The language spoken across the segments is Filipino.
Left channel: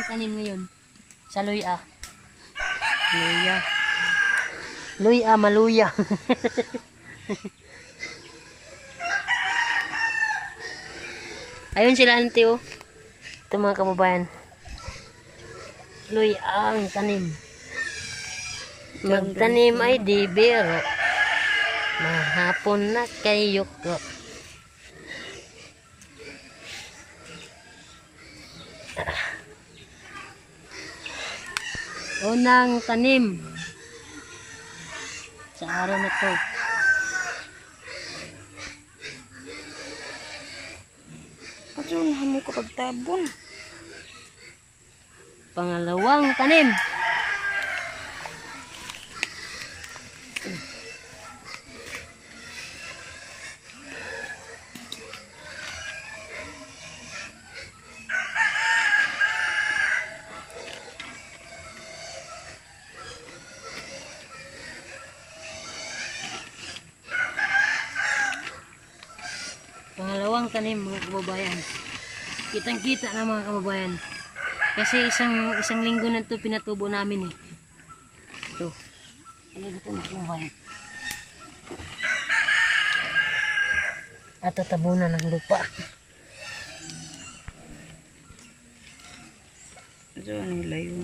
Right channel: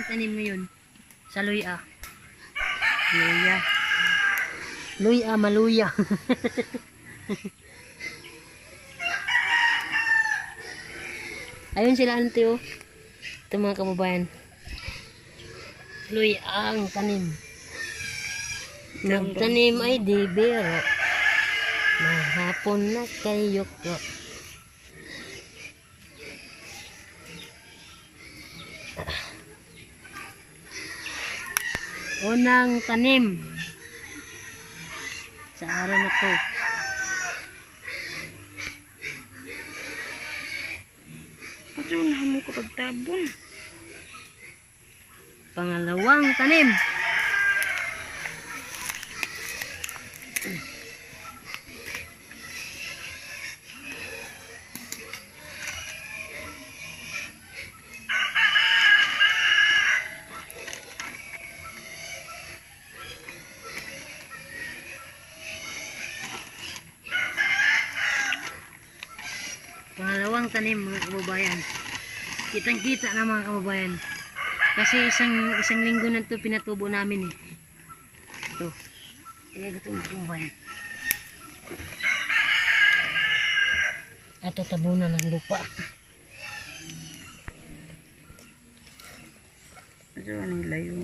ang tanim ngayon sa luya. Maluya. Ayun sila auntie oh. Ito mga kababayan. Luya ang tanim. Magtanim ay di biro. Mahapon na kayo ko. Unang tanim sa araw na to. Kasi unahan mo kapag tabon. Pangalawang tanim. Pangalawang tanim mga kababayan. Kitang-kita na mga kababayan. Kasi isang linggo na ito pinatubo namin eh. Ito. Ito mga kababayan. At tatabunan ng lupa. Ito ano layo.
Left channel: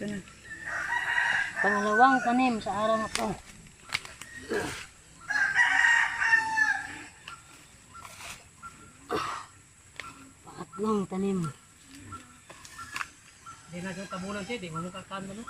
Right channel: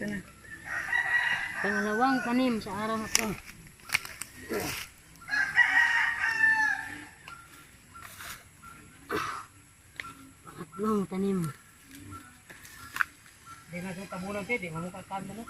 Ito na. Pangalawang tanim sa araw na to. Pangatlong tanim. Hindi na yung tabunan siya, di mamukhakan mo na.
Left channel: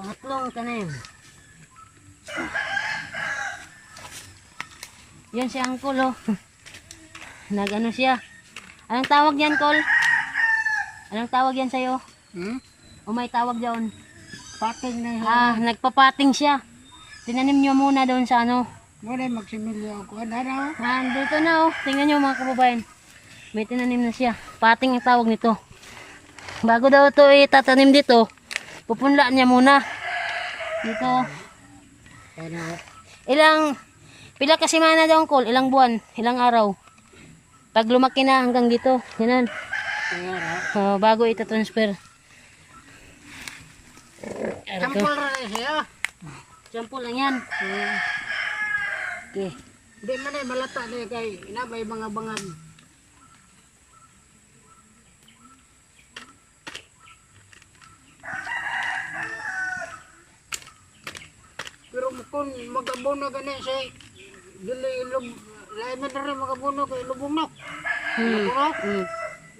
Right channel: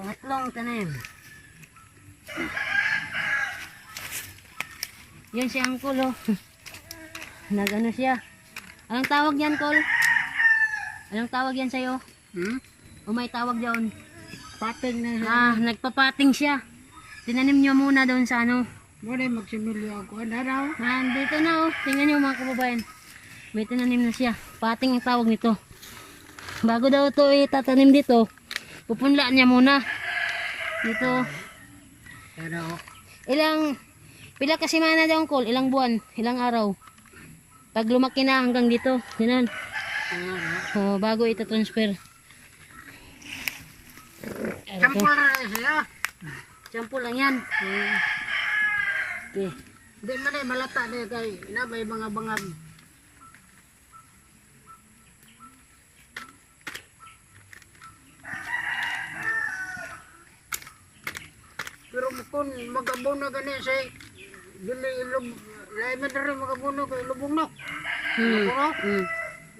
Pangatlong tanim. Yan si Uncle oh. Nagano siya. Anong tawag yan, Col? Anong tawag yan sa'yo? O may tawag diyan? Pating na. Nagpapating siya. Tinanim niyo muna doon sa ano. Muna magsimilyo ako. Ano raw? Dito na oh. Tingnan niyo mga kababayan. May tinanim na siya. Pating ang tawag nito. Bago daw ito itatanim dito, pupunla niya muna. Dito. Pero Pila kasi mana daw Uncle? Ilang buwan? Ilang araw? Pag lumaki na hanggang dito. Ganun. Bago ita-transfer. sample rin siya. Sample lang yan. Okay. Hindi man eh, malata na kay inabay mga bangag. Pero kung mag-abono gani siya, dili ilog, lain man rin mag-abono kay lubong na. Mag-abono?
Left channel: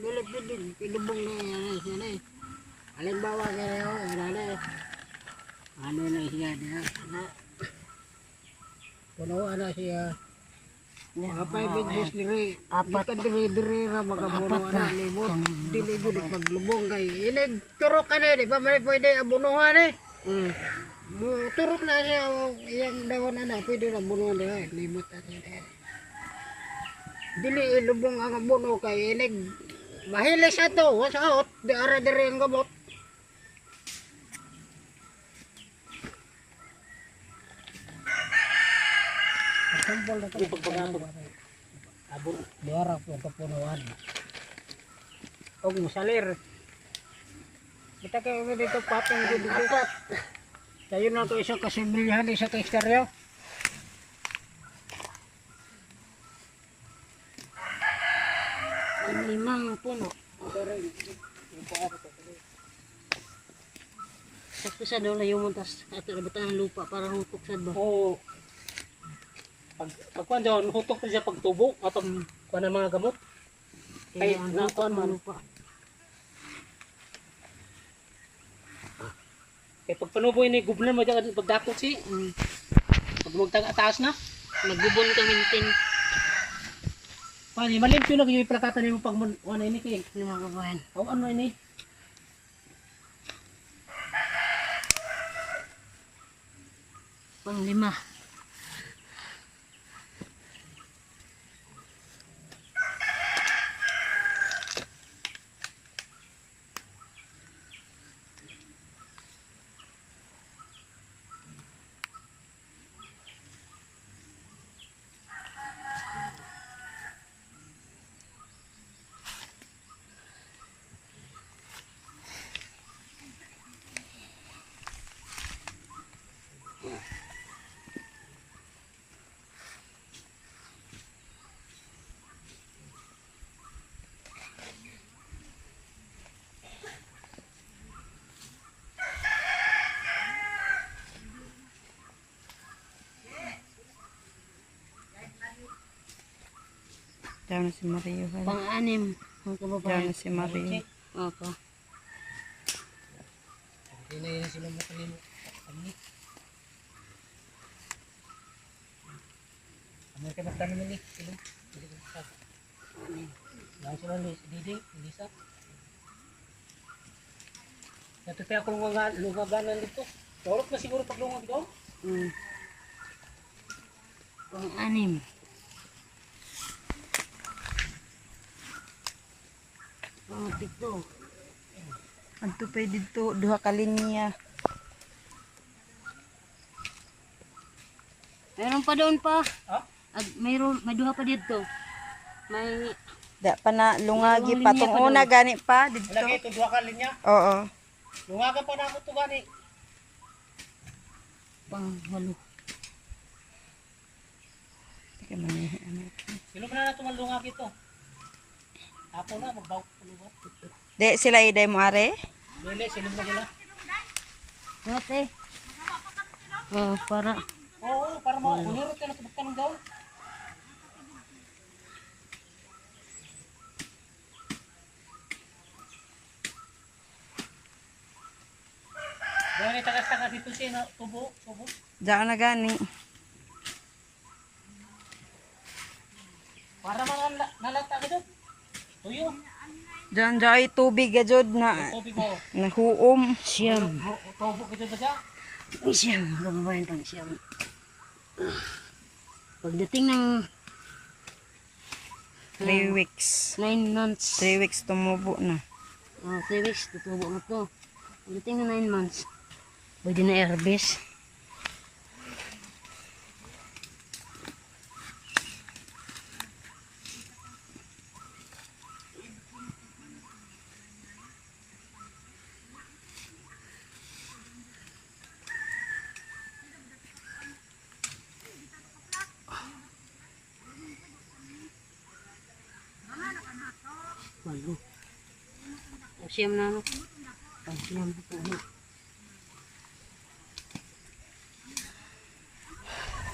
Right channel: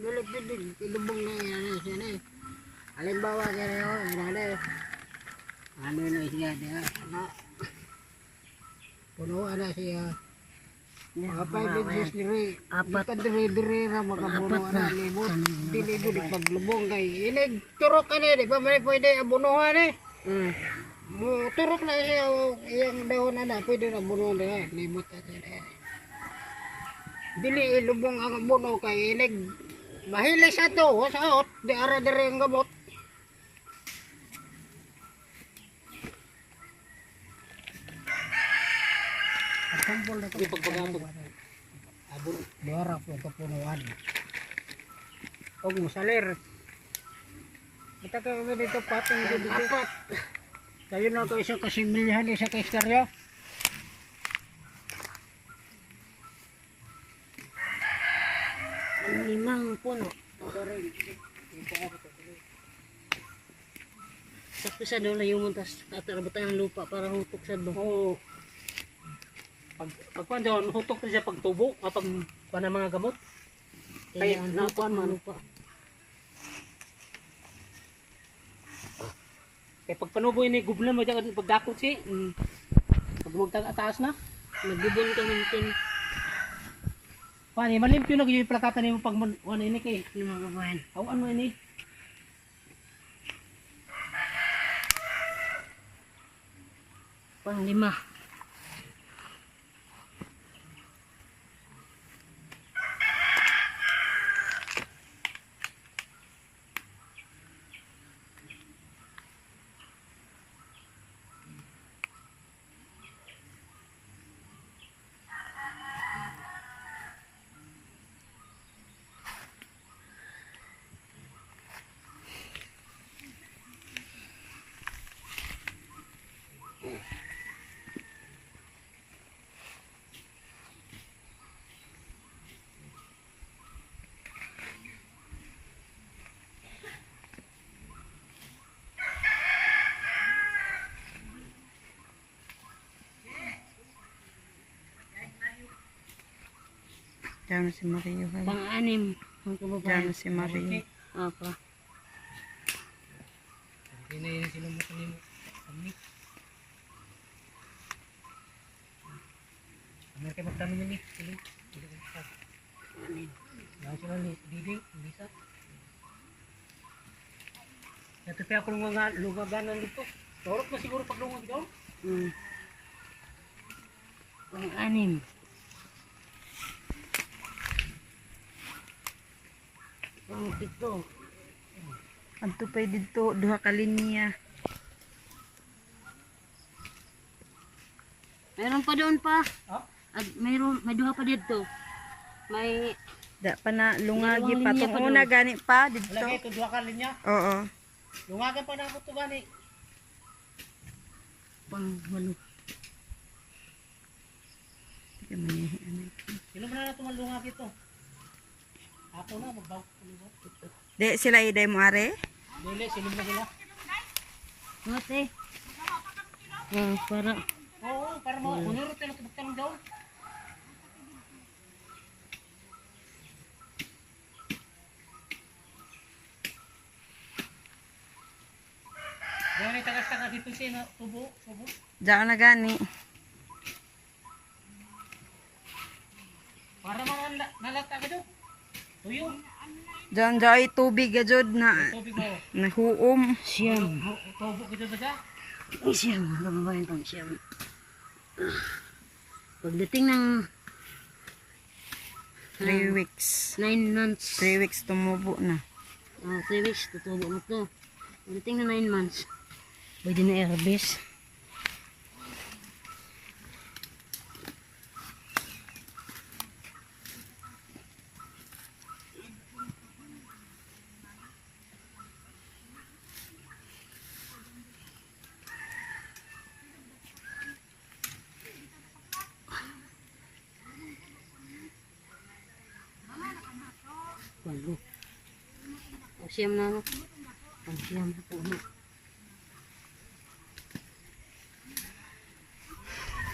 Dili pwede, ilubong na yan siya na eh. Halimbawa kaya ano na siya na, puno na siya. Mga 5 inches diri, apat diri na magabuno na libot. Dili gud paglubong kay inig turok ka na di pa man pwede abunuhan eh. Mo turok na siya yang dahon na pwede na bunuhan diha libot ati. Dili ilubong ang abuno kay inig mahilis ato sa out di ara diri ang gabot. Sampol na ito abon diara po kapunuan o musalir kita kayo dito patong dito apat tayo na ito isang kasimilihan isa ka istorya Ang 5 puno. Sakto sa daw layo mo tas atarabatan ng lupa para hutok sad ba. Oo. Pagkuhan dyan, hutok na siya pagtubo, pag kuha ng mga gamot. Kaya Ay, ang lupa hutok ng man. lupa. Kaya pag panubo ini gublan mo dyan pagdakot si. Mm. Pag magtaas na. Nagbubon kami tin Pani malimpyo na yung plakatan nimo pag ano ini kay. ng mga kababayan. Aw ano ini? Panglima. Diyan na si Mario. Pang-anim mga Diyan kababayan. na si Mario. Opo. Ini sino mo kanimo. Kami. Amerika magtano ni. Sino? Lang sila ni Diding, Lisa. Natutay ako ng mga lumaganan dito. Torok na siguro pag lumag daw. Mm. Pang-anim. Pang-pito. Ang tupay dito, duha ka linya. Mayroon pa doon pa. Ha? At mayroon, may duha pa dito. May Da pa na lungagi Dalawang pa linya tong pa una doon. gani pa dito. Lagi ito dua ka linya. Oo. Lungagan pa na ako to gani. pang-walo. Teka man Sino ba na tumaldungag ito? Apo na magbaw. De sila iday mo are. Dili sino ba nila? Ate. Para Oo, para mo kuniro tayo nagtanong daw. Dili tagas-tagas dito siya na tubo. Diyan na gani. Para mga nalata ka daw. Tuyo. Diyan ay tubig gajud na Tubig mo. nahuom. siyam. Tubo ka dyan ba siya? Siyam. Kababayan itong siyam. Pagdating ng 3 weeks. 9 months. 3 weeks tumubo na. 3 weeks, tutubo na to. Pagdating na 9 months, pwede na i-harvest. Walo. O siyam na ano? Pang siyam na po.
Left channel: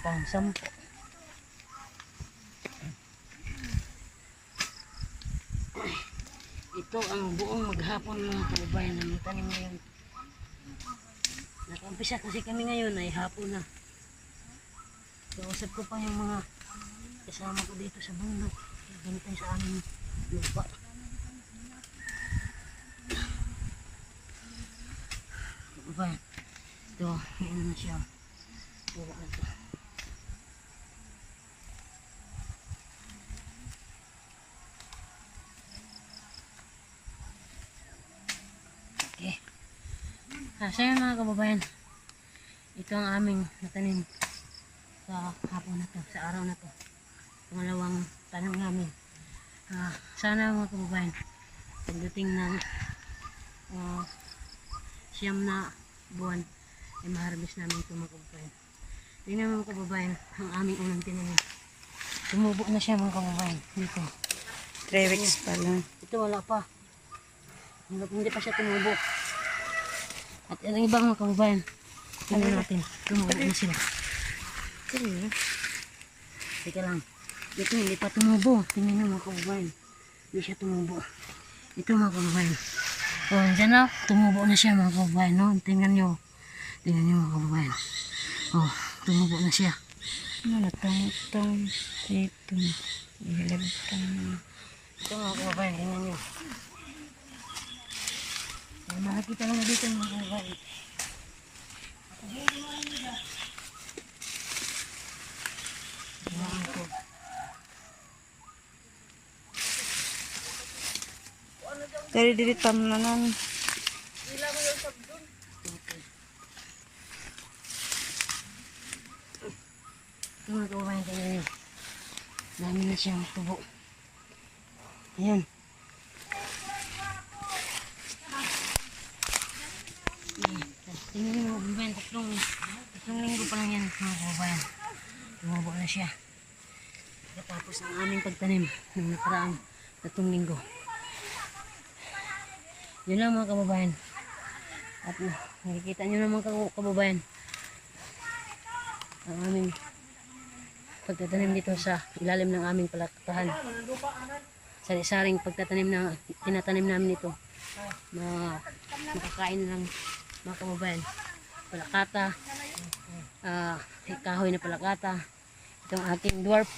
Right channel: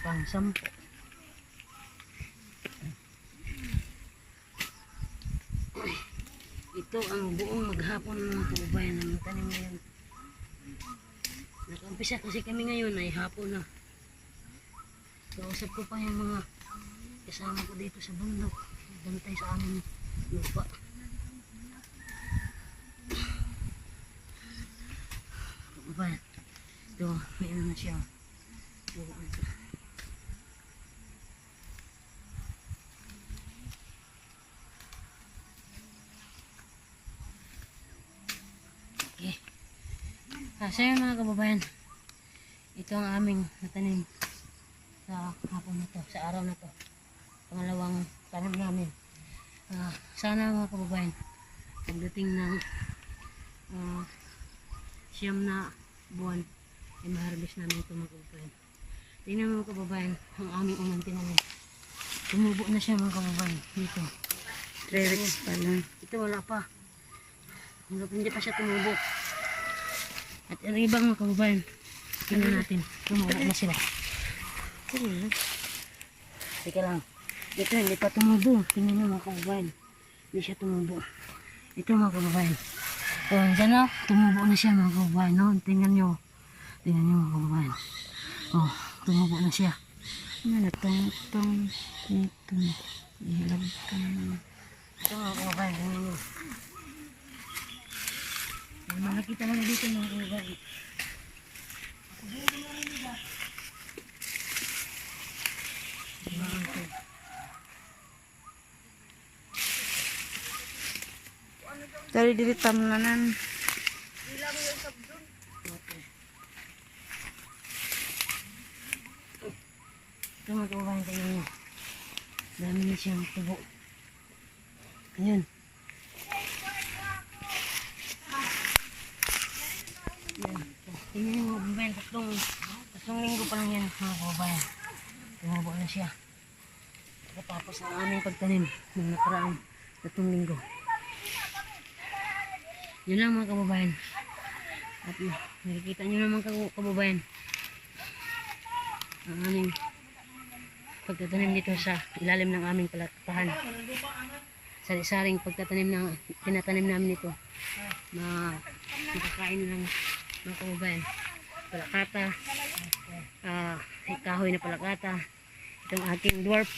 Pang sampo. Ito ang buong maghapon mga kababayan ng tanim ngayon. Nag-umpisa kasi kami ngayon ay hapon na. Kausap ko pa yung mga kasama ko dito sa bundok. Bantay sa aming lupa. Kababayan. Ito, may ano na siya. Buka na ito. Okay. So yun mga kababayan. Ito ang aming natanim sa hapon na to, sa araw na to. Pangalawang tanim namin. Sana mga kababayan, pagdating ng siyam na buwan, ay ma-harvest namin ito mga kababayan. Tingnan mga kababayan, ang aming unang tinanim. Tumubo na siya mga kababayan. Dito. 3 weeks pa lang. Ito wala pa. Hindi pa siya tumubo. At ang iba mga kababayan, tingnan natin. Tumubo na sila. Teka lang. Ito hindi pa tumubo. Tingnan nyo mga kababayan. Hindi siya tumubo. Ito mga kababayan. O, dyan na. Tumubo na siya mga kababayan. No? Tingnan nyo. Tingnan nyo mga kababayan. Oh, tumubo na siya. Ano na tong ito na. Ilagtang. Ito mga kababayan, tingnan nyo. May makikita na dito mga kababayan. Dari diri tamlanan. Ito mga kababayan, tingnan nyo. Dami na siyang tubo. Ayan. Ayan. Tingnan nyo mga kababayan, tatlong linggo pa lang yan mga kababayan. Tumubo na siya. Tapos ang aming pagtanim ng nakaraang 3 linggo. Yun lang mga kababayan. At nakikita nyo naman kababayan ang aming pagtatanim dito sa ilalim ng aming palakpahan. Sari-saring pagtatanim na tinatanim namin ito na makakain ng mga kababayan. Palakata, kahoy na palakata, itong aking dwarf.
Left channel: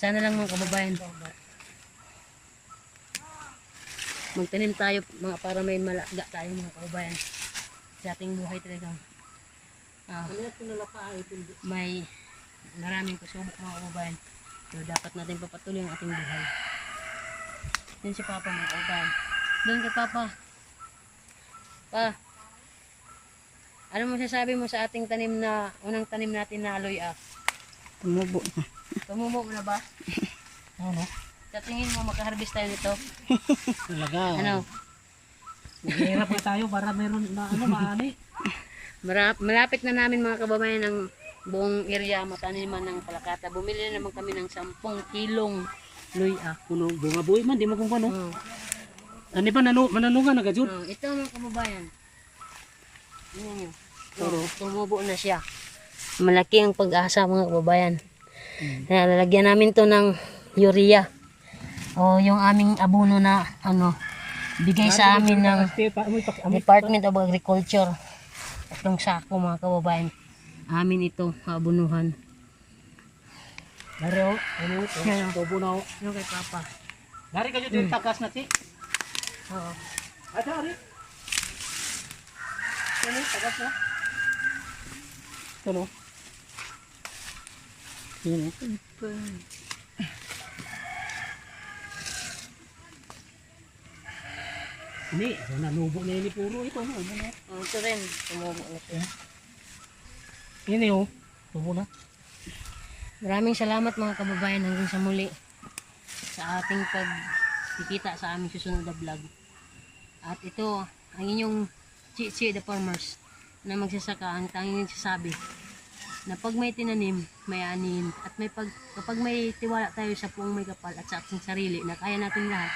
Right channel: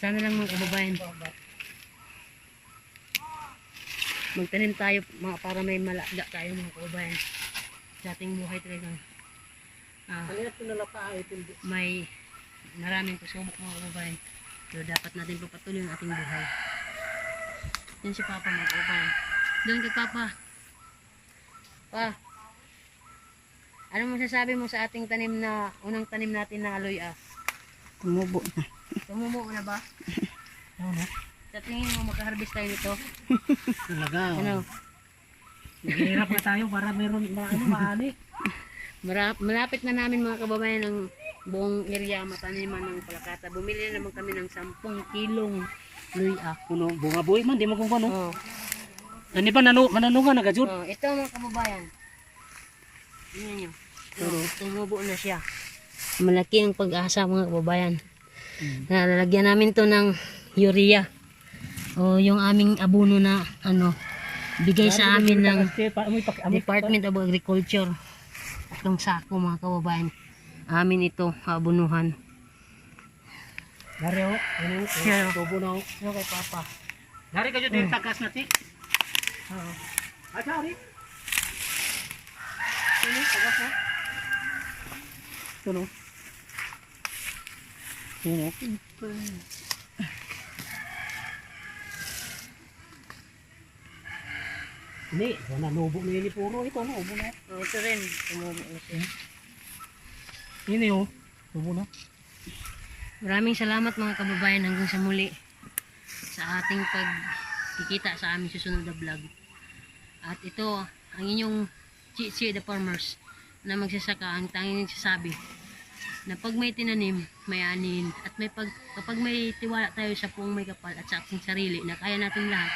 Sana lang mga kababayan magtanim tayo para may malaga tayo mga kababayan sa ating buhay talagang may maraming pasubok mga kababayan, pero dapat natin papatuloy ang ating buhay. Yan si Papa mga kababayan. Doon kay Papa. Ano masasabi mo sa ating tanim na unang tanim natin na aloy Tumubo na. Tumubo na ba? Ano? Sa tingin mo makaharvest tayo nito? Talaga. Ano? Maghihirap na tayo para meron na maani. Malapit na namin mga kababayan ng buong area mataniman ng palakata. Bumili naman kami ng 10 kilong luya. Kuno bunga buhay man di mo kung ano. Oh. Ani pa mananungan na gajud. Oh, ito mga kababayan. Tingnan nyo. Tumubo na siya. Malaki ang pag-asa mga kababayan. Nalalagyan namin to ng urea. O yung aming abono na bigay sa amin ng Department of Agriculture. Itong sako mga kababayan. Amin ito abonuhan. Dari oh. Ano? Tubo na oh. Yung kay Papa. Dari ka dito takas na ti. Oo. Dari. Ano? Tagas na? Tuno. Yun. Ini, wala nubo na ini puro ito no, ubo na. Oh, ito rin. Tumubo na siya. Ini oh, ubo na. Maraming salamat mga kababayan hanggang sa muli sa ating pagkikita sa aming susunod na vlog. At ito ang inyong Chichi the Farmers na magsasaka ang tanging nagsasabi na pag may tinanim, may anin at kapag may tiwala tayo sa puong may kapal at sa ating sarili na kaya natin lahat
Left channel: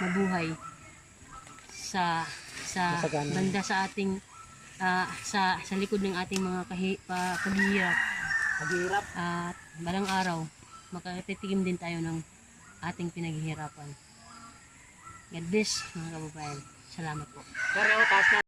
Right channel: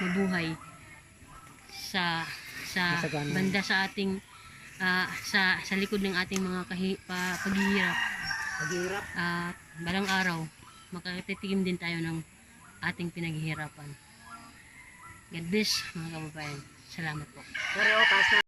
mabuhay sa banda sa ating sa likod ng ating mga paghihirap at balang araw makatitigim din tayo ng ating pinaghihirapan. God bless mga kababayan. Salamat po. Dari oh, taas na.